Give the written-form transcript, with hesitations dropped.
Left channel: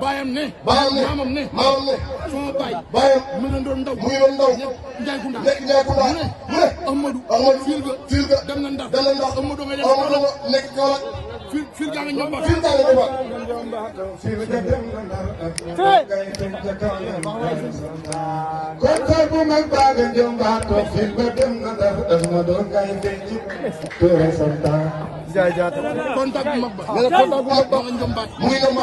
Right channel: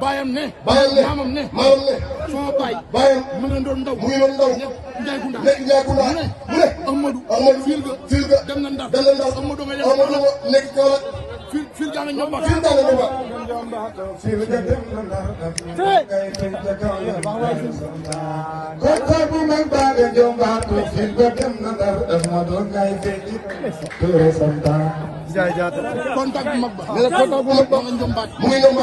bayam ne maamam ne sama baay bayam mu ngi doon ndaw Njaay Kunda mu ne Amadou fil ga dem na Ndar Amadou nga nekk Kaolack fil ga nga ñomba kontaan bu mag baaga jomba ko fil ga dem na Ndar Amadou ngay fekk Touré Santa kontaan bu mag ba nga ñombaat